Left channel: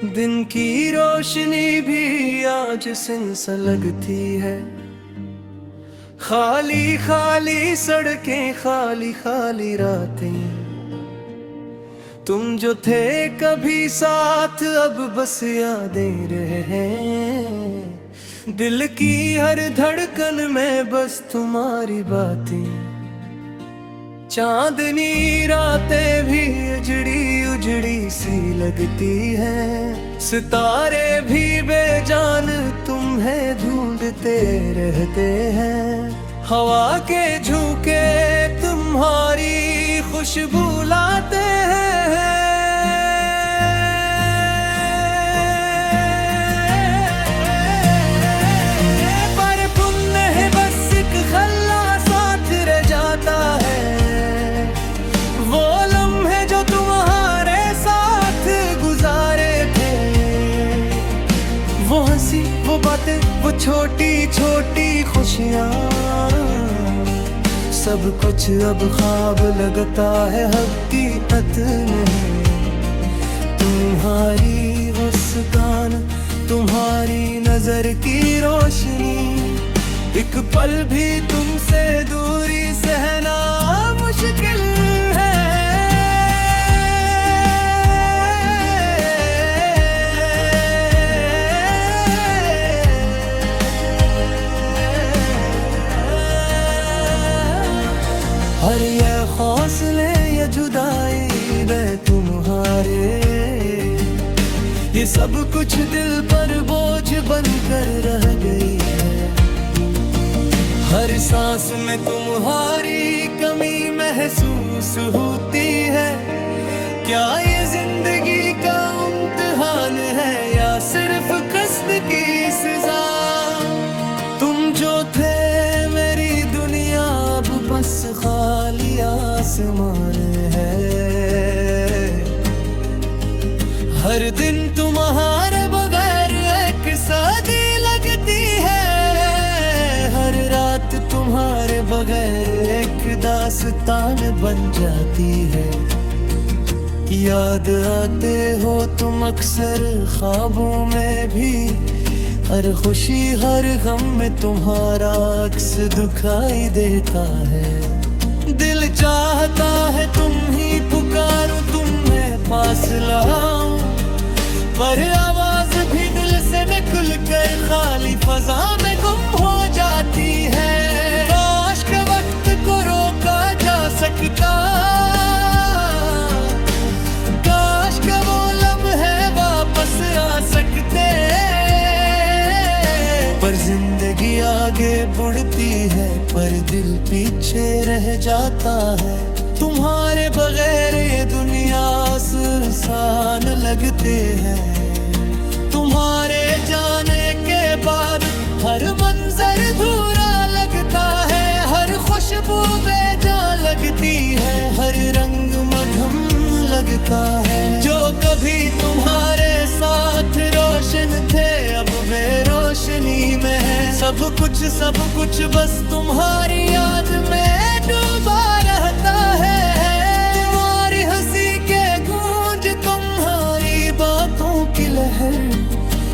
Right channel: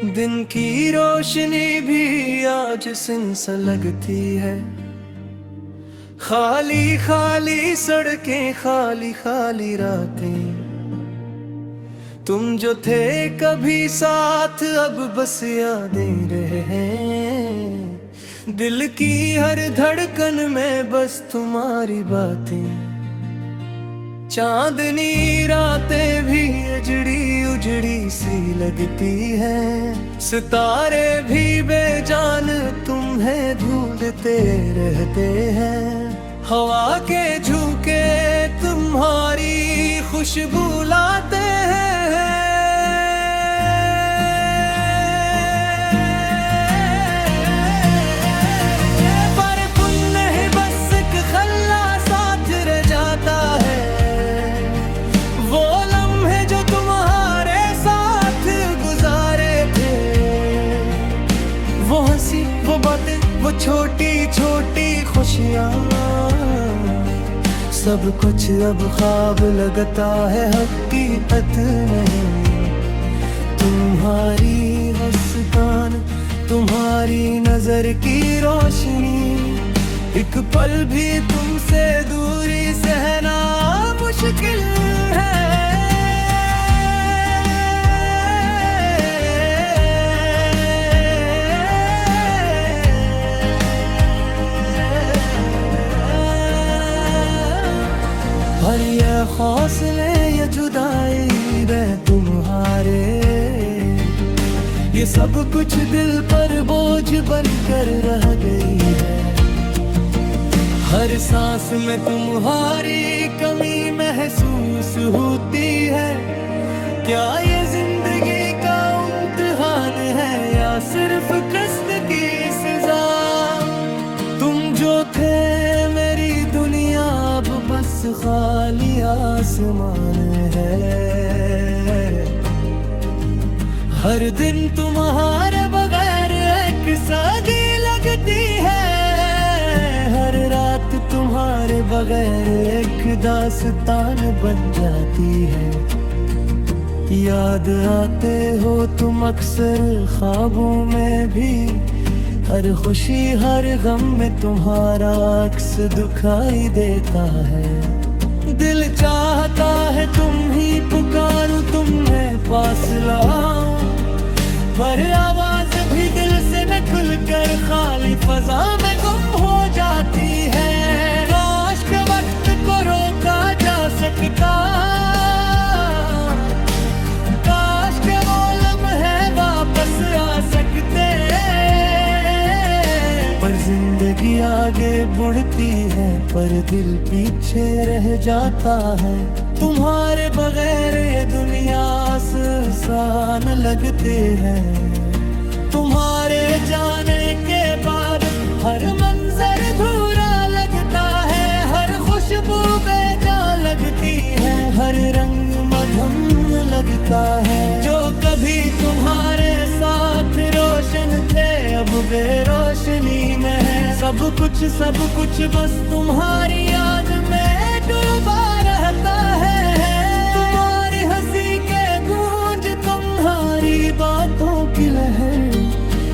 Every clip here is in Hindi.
दिन की रोशनी भी आज सिन सा लगती है। खाली खाली सड़कें, खाली खाली रातें। तुम जो थे कभी साथ, अब बस यादें रहे हैं। दिल की हर धड़कन में बस तुम्हारी बातें। चांदनी रातें भी उजड़ी उजड़ी सी लगती हैं। सितारे भी बेजान तुम्हें ढूंढते रहते हैं। हवा के झोंके तुम्हारी खुशबू लाते हैं। पर पुण्य है बस एक खल्ला साथ रह जाता है। वो लम्हे जो तुम्हारे साथ गुजारे थे, वो हंसी, वो बातें, वो छोटी छोटी खुशियाँ, सब कुछ अब ख्वाब लगता है, हकीकत नहीं। तुम्हारी मुस्कान, तुम्हारी नजर की रोशनी, एक पल भी तुमसे दूरी सहना मुश्किल है। और ये हौसले, ये जुदाई में तुम्हारे, ये सब कुछ दिल पर बोझ बनकर रह गई है। हर सांस में तुम्हारी कमी महसूस होती है। क्या ये जिंदगी का इम्तिहान है या सिर्फ कष्ट की सजा? तुम जो थे मेरी दुनिया, अब बस खाली आसमान है। हर दिन तुम्हारे बगैर एक सदी लगती है। हर रात तुम्हारे बगैर एक दास्तान बन जाती है। याद आते हो तुम अक्सर ख्वाबों में भी। हर खुशी हर गम में तुम्हारा अक्स दिखाई देता है। दिल चाहता है तुम ही पुकारूं, तुम्हें पास लाऊं, पर आवाज भी दिल से निकल कर खाली फजा में गुम हो जाती है। काश के वक्त को रोका जा सकता, काश के वो लम्हे वापस आ सकते। पर जिंदगी आगे बढ़ती है, पर दिल पीछे रह जाता है। तुम्हारे बगैर ये दुनिया आसान लगते हैं। तुम्हारे जाने के बाद हर मंजर अधूरा लगता है। हर खुशबू बेजान लगती है, हर रंग मधुम लगता है। जो कभी तुम्हारे साथ रोशन थे, अब बेरोशनी में है। सब कुछ बस तुम्हारी याद में डूबा रहता है। तुम्हारी हंसी के गूंज, तुम्हारी बातों की लहर,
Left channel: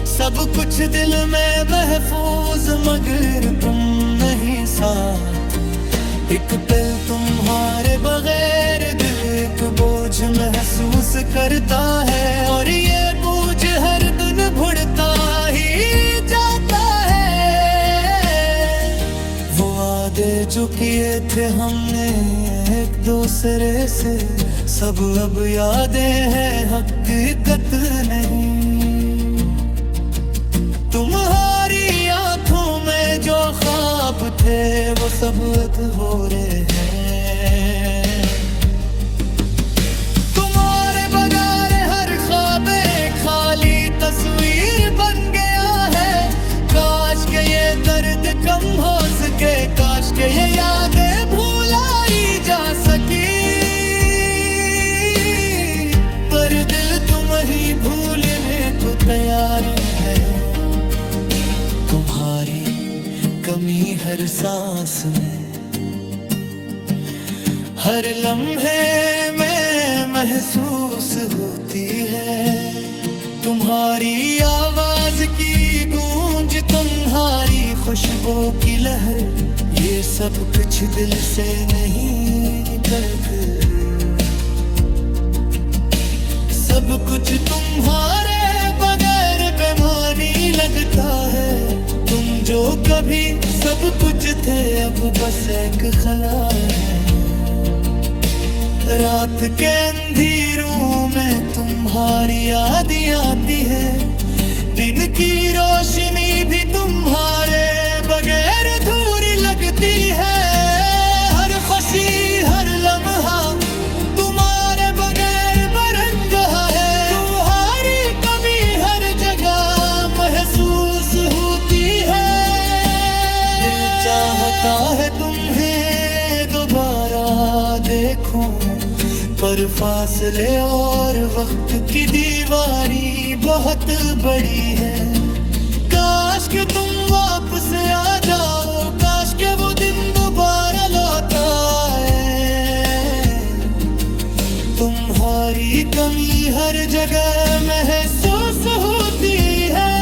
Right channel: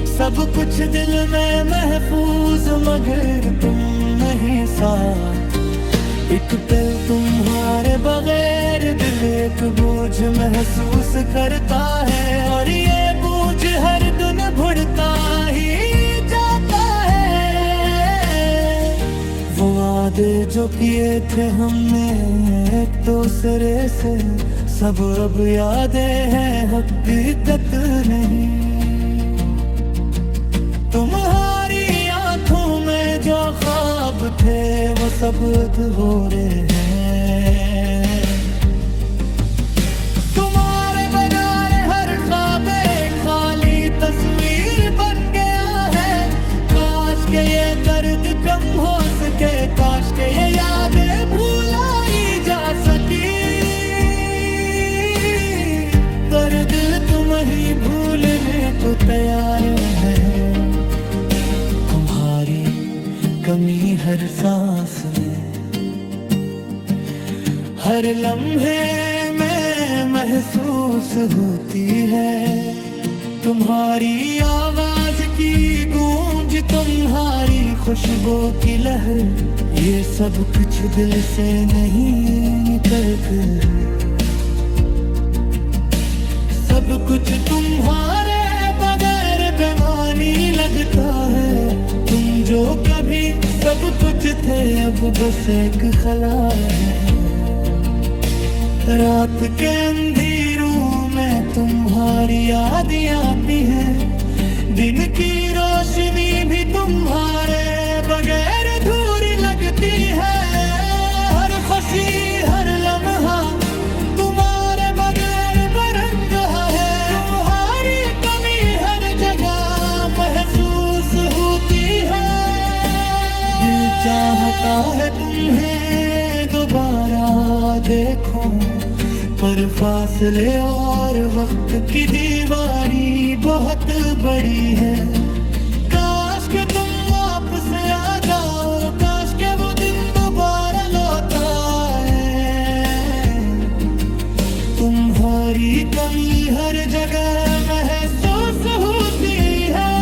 सब कुछ दिल में महफूज, मगर तुम नहीं साथ। एक पल तुम्हारे बगैर दिल एक बोझ महसूस करता है। और ये बोझ हर दिन बढ़ता ही जाता है। वो वादे जो किए थे हमने एक दूसरे से, सब अब यादें हैं, हकीकत नहीं। तुम्हारी आंखों में जो ख्वाब थे, वो सब अधूरे हैं। तुम्हारे बगैर हर ख्वाब एक खाली तस्वीर बन गया है। काश के ये दर्द कम हो सके, काश के ये यादें भुलाई जा सकी। पर दिल तुम ही भूलने को तैयार है। तुम्हारी कमी हर सांस में, हर लम्हे में महसूस होती है। तुम्हारी आवाज की गूंज, तुम्हारी खुशबू की लहर, ये सब कुछ दिल से नहीं निकलते। सब कुछ तुम्हारे बगैर बेमानी लगता है। तुम जो कभी सब कुछ थे, अब बस एक खला है। रात के अंधेरों में तुम्हारी याद आती है। दिन की रोशनी भी तुम्हारे बगैर अधूरी लगती है। हर खुशी हर लम्हा तुम्हारे बगैर बरंगा है। तुम्हारी कमी हर जगह महसूस होती है। दिल चाहता है तुम्हें दोबारा देखूं, पर फासले और वक्त की दीवारी बहुत बड़ी है। काश के तुम वापस आ जाओ, काश के वो दिन दोबारा लौट आए। तुम्हारी कमी हर जगह महसूस होती है।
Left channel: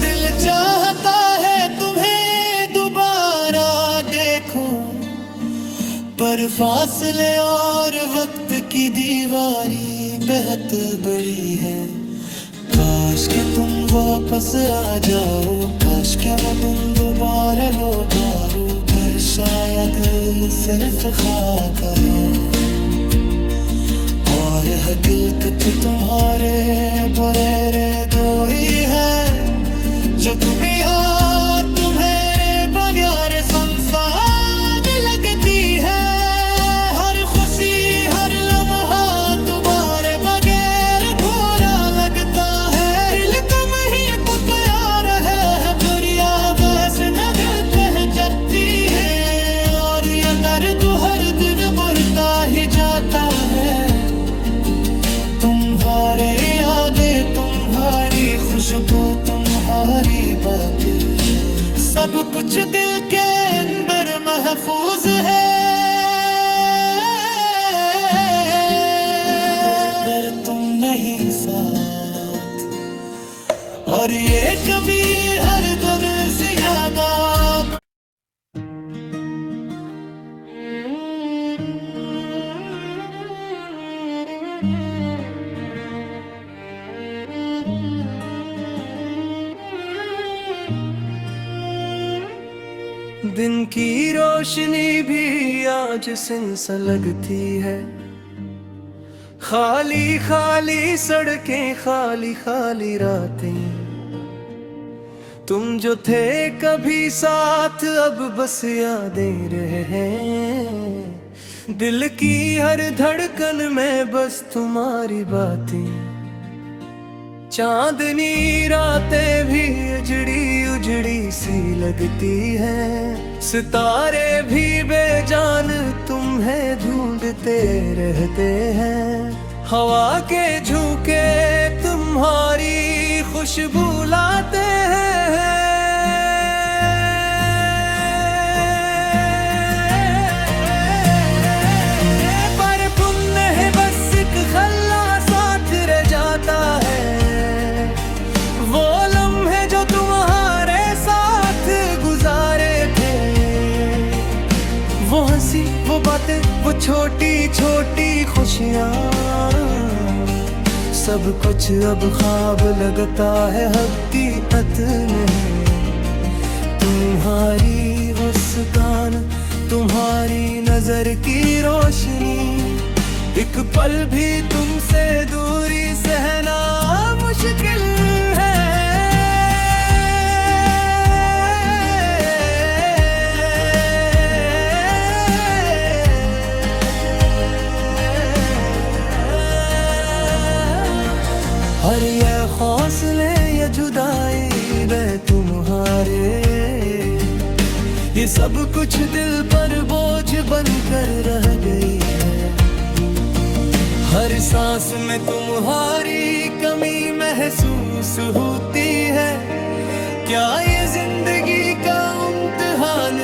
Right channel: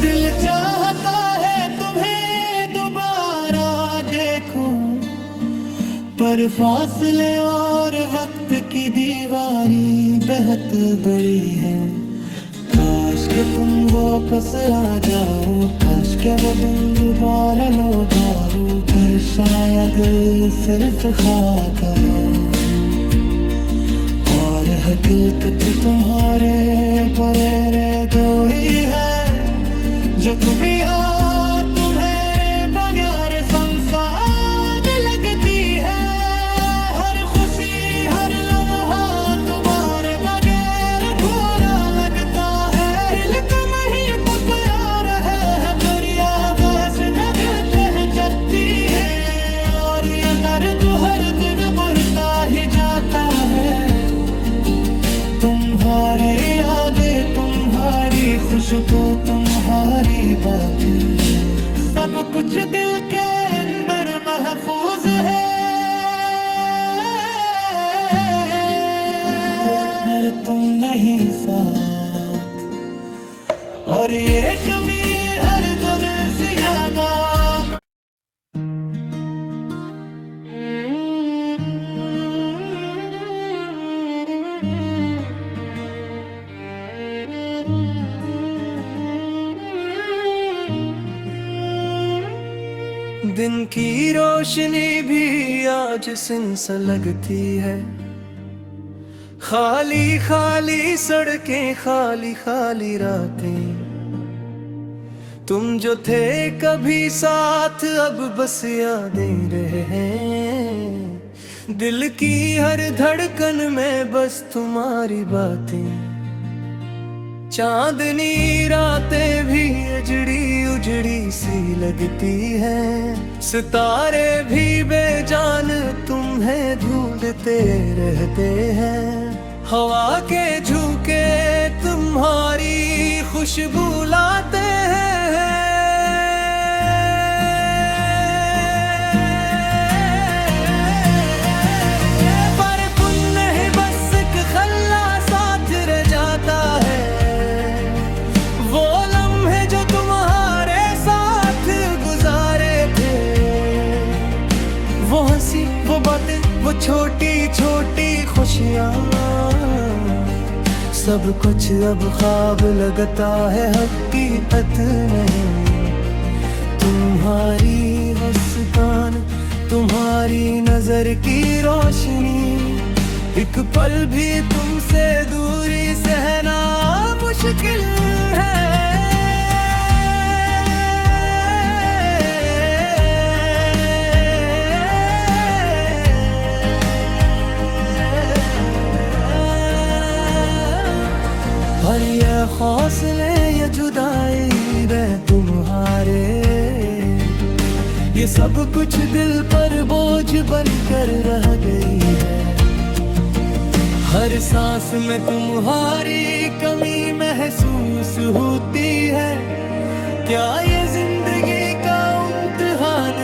दिल चाहता है तुम्हें दोबारा देखूं, पर फासले और वक्त की दीवारी बेहद बड़ी है। काश के तुम वापस आ जाओ, काश के वो दिन दोबारा लौट आओ। फिर शायद सिर्फ ख्वाब है और हकीकत तुम्हारे बुरे दो ही है। जो तुम्हें याद तुम्हारे बगैर संसार लगती है। हर खुशी हर लम्हा तुम्हारे बगैर भोरा लगता है। दिल तुम ही पुकार है, दरिया वैसे न जगती है। और ये दर्द हर दिन बढ़ता ही जाता है। तुम्हारे यादें तुम्हारी खुशबू तुम्हारी बातें, सब कुछ दिल के अंदर महफूज है। पर तुम नहीं साथ, और ये कभी हर दम ज्यादा। दिन की रोशनी भी आज सिन सा लगती है। खाली खाली सड़कें, खाली खाली रातें। तुम जो थे कभी साथ, अब बस यादें रहे हैं। दिल की हर धड़कन में बस तुम्हारी बातें। चांदनी रातें भी उजड़ी उजड़ी सी लगती हैं। सितारे भी बेजान तुम्हें ढूंढते रहते हैं। हवा के झोंके तुम्हारी खुशबू लाते हैं। पर पुण्य है बस एक खल्ला साथ रह जाता है। वो लम्हे जो तुम्हारे साथ गुजारे थे, वो हंसी वो बातें वो छोटी छोटी खुशियाँ, सब कुछ अब ख्वाब लगता है हकीकत नहीं। तुम्हारी मुस्कान तुम्हारी नजर की रोशनी, एक पल भी तुमसे दूरी सहना मुश्किल है। और ये हौसले ये जुदाई में तुम्हारे, ये सब कुछ दिल पर बोझ बनकर रह गई है। हर सांस में तुम्हारी कमी महसूस होती है। क्या ये जिंदगी का इम्तिहान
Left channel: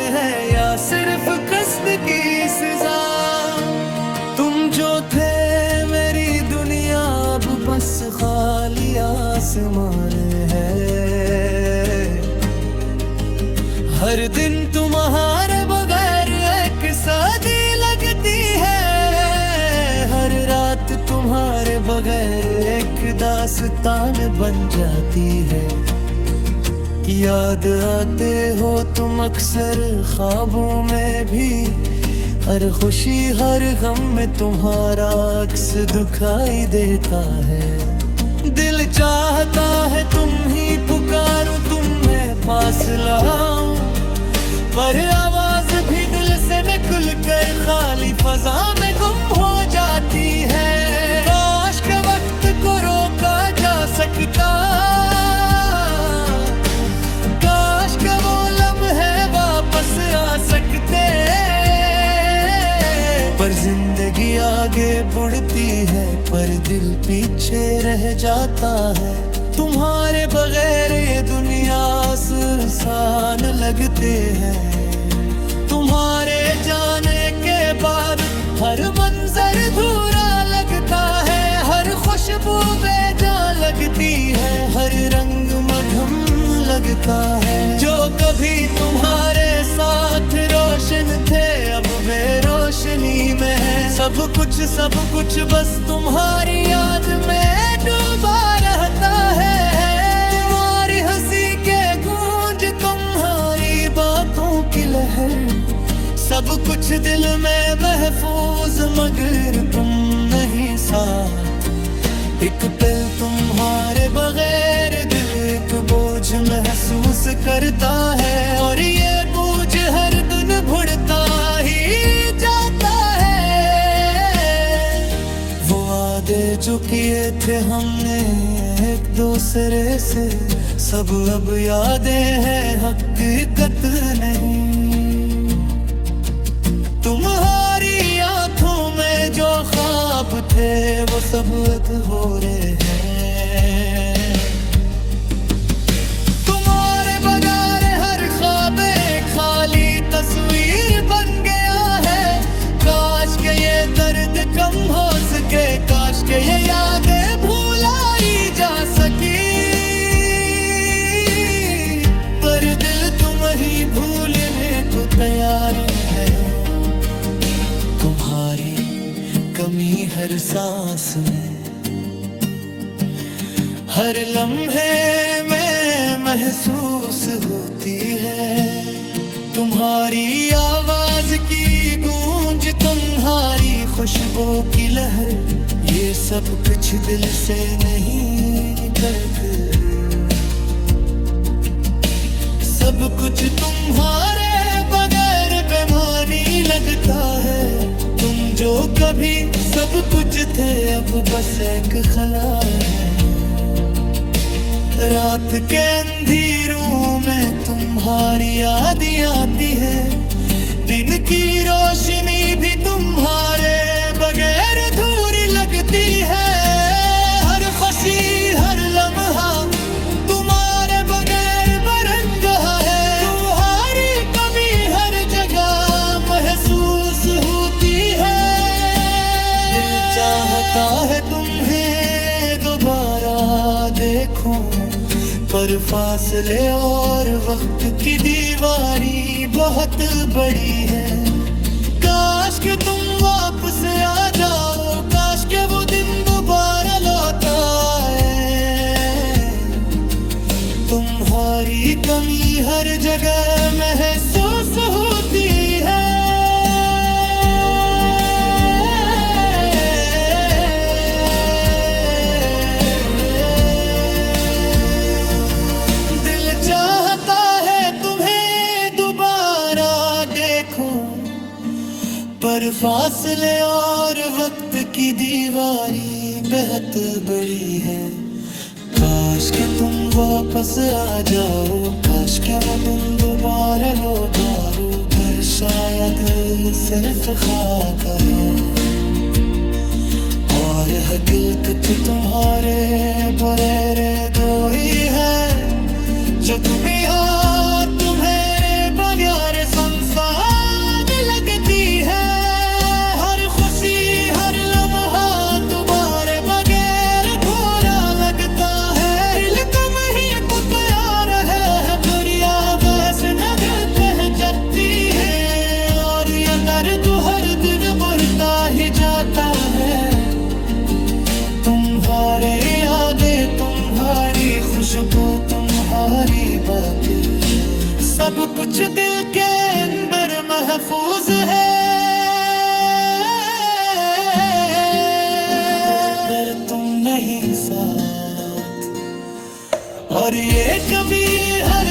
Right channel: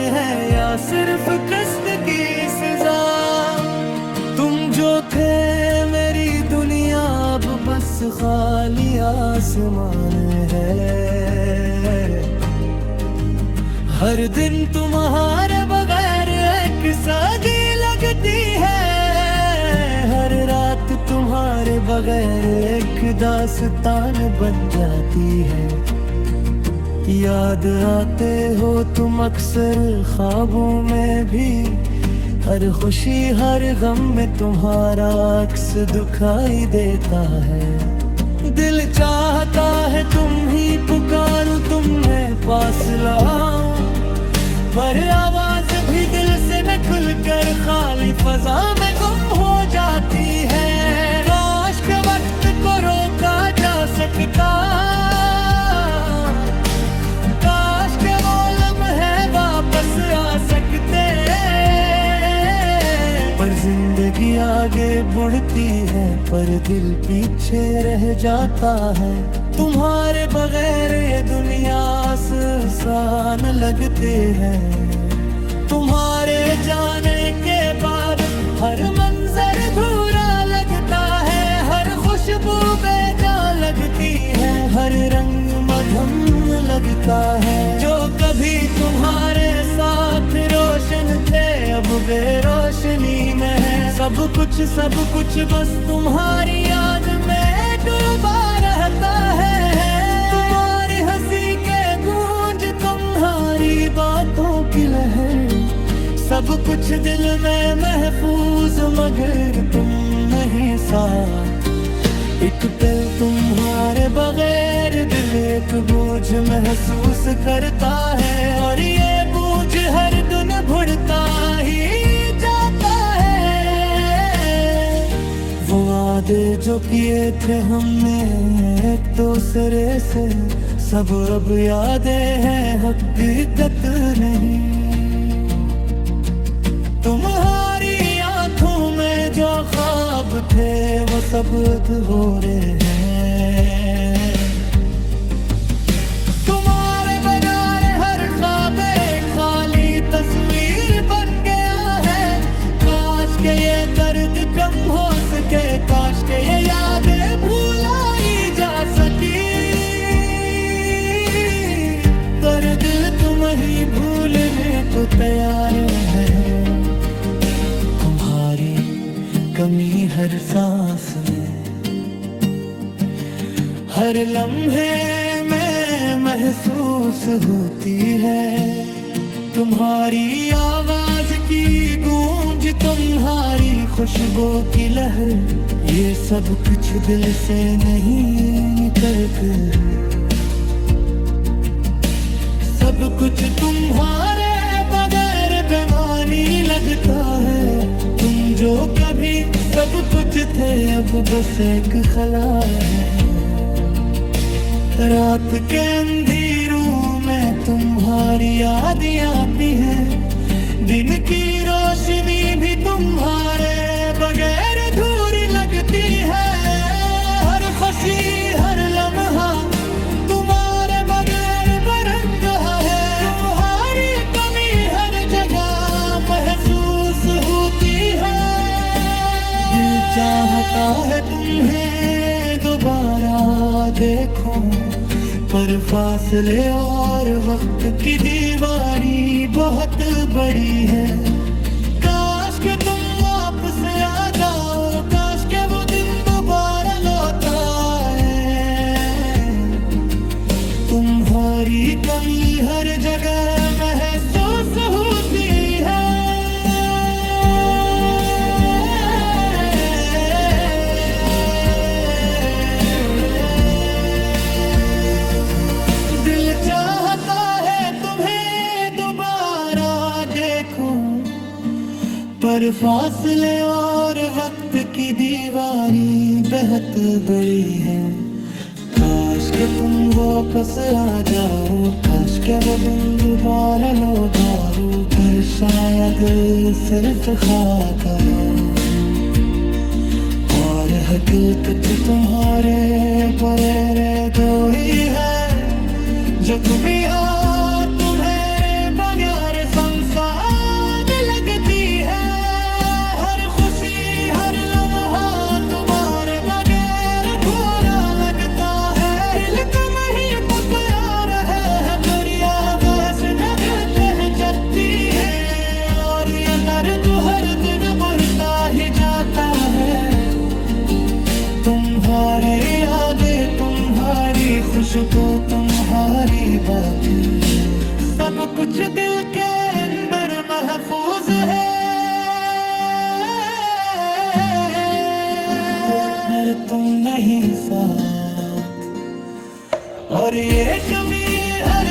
सिर्फ कष्ट की सजा। तुम जो थे मेरी दुनिया अब बस खाली आसमान है। हर दिन तुम्हारे बगैर एक सदी लगती है। हर रात तुम्हारे बगैर एक दास्तान बन जाती है। याद आते हो तुम अक्सर ख्वाबों में भी। हर खुशी हर गम में तुम्हारा अक्स दिखाई देता है। दिल चाहता है तुम ही पुकारूं, तुम्हें पास लाऊं, पर आवाज भी दिल से निकल कर खाली फजा में गुम हो जाती है। काश के वक्त को रोका जा सकता, काश के वो लम्हे वापस आ सकते, पर जिंदगी आगे बढ़ती है पर दिल पीछे रह जाता है। तुम्हारे बगैर ये दुनिया आसान लगते हैं। तुम्हारे जाने के बाद हर मंजर अधूरा लगता है। हर खुशबू बेजान लगती है, हर रंग मधुम लगता है। जो कभी तुम्हारे साथ रोशन थे अब बेरोशनी में है। सब कुछ बस तुम्हारी याद में डूबा रहता है। तुम्हारी हंसी के गूंज, तुम्हारी बातों की लहर, सब कुछ दिल में महफूज, मगर तुम नहीं साथ। एक पल तुम्हारे बगैर दिल एक बोझ महसूस करता है, और ये बोझ हर दिन बढ़ता ही जाता है। वो वादे जो किए थे हमने एक दूसरे से, सब अब यादें हैं हकीकत नहीं। तुम्हारी आंखों में जो ख्वाब थे वो सब अधूरे हैं। तुम्हारे बगैर हर ख्वाब एक खाली तस्वीर बन गया है। काश के ये दर्द कम हो सके, काश के ये यादें भुलाई जा सकी, पर दिल तुम ही भूलने को तैयार है। तुम्हारी कमी हर सांस में, हर लम्हे में महसूस होती है। तुम्हारी आवाज की गूंज, तुम्हारी खुशबू की लहर, ये सब कुछ दिल से नहीं निकलती। सब कुछ तुम्हारे बगैर बेमानी लगता है। तुम जो कभी सब कुछ थे अब बस एक खला है। रात के अंधेरों में तुम्हारी याद आती है। दिन की रोशनी भी तुम्हारे बगैर अधूरी लगती है। हर खुशी हर लम्हा तुम्हारे बगैर बरंगा है। तुम्हारी कमी हर जगह महसूस होती है। दिल चाहता है तुम्हें दोबारा देखूं, पर फासले और वक्त की दीवारी बहुत बड़ी है। काश के तुम वापस आ जाओ, काश के वो दिन दोबारा लौट आए। तुम्हारी कमी हर जगह महसूस होती है। दिल चाहता है तुम्हें दोबारा देखूं, पर फासले और वक्त की दीवारी बेहद बड़ी है। काश के तुम वापस आ जाओ, काश के वो दिन दोबारा लौट आओ, फिर शायद सिर्फ ख्वाब है। और हकीकत तो तुम्हारे बुरेरे दो ही है, जो तुम्हें तुम्हें बलियार संसार खुशबू तुम्हारी बातें, सब कुछ दिल के अंदर महफूज है। अगर तुम नहीं साथ और ये कभी हर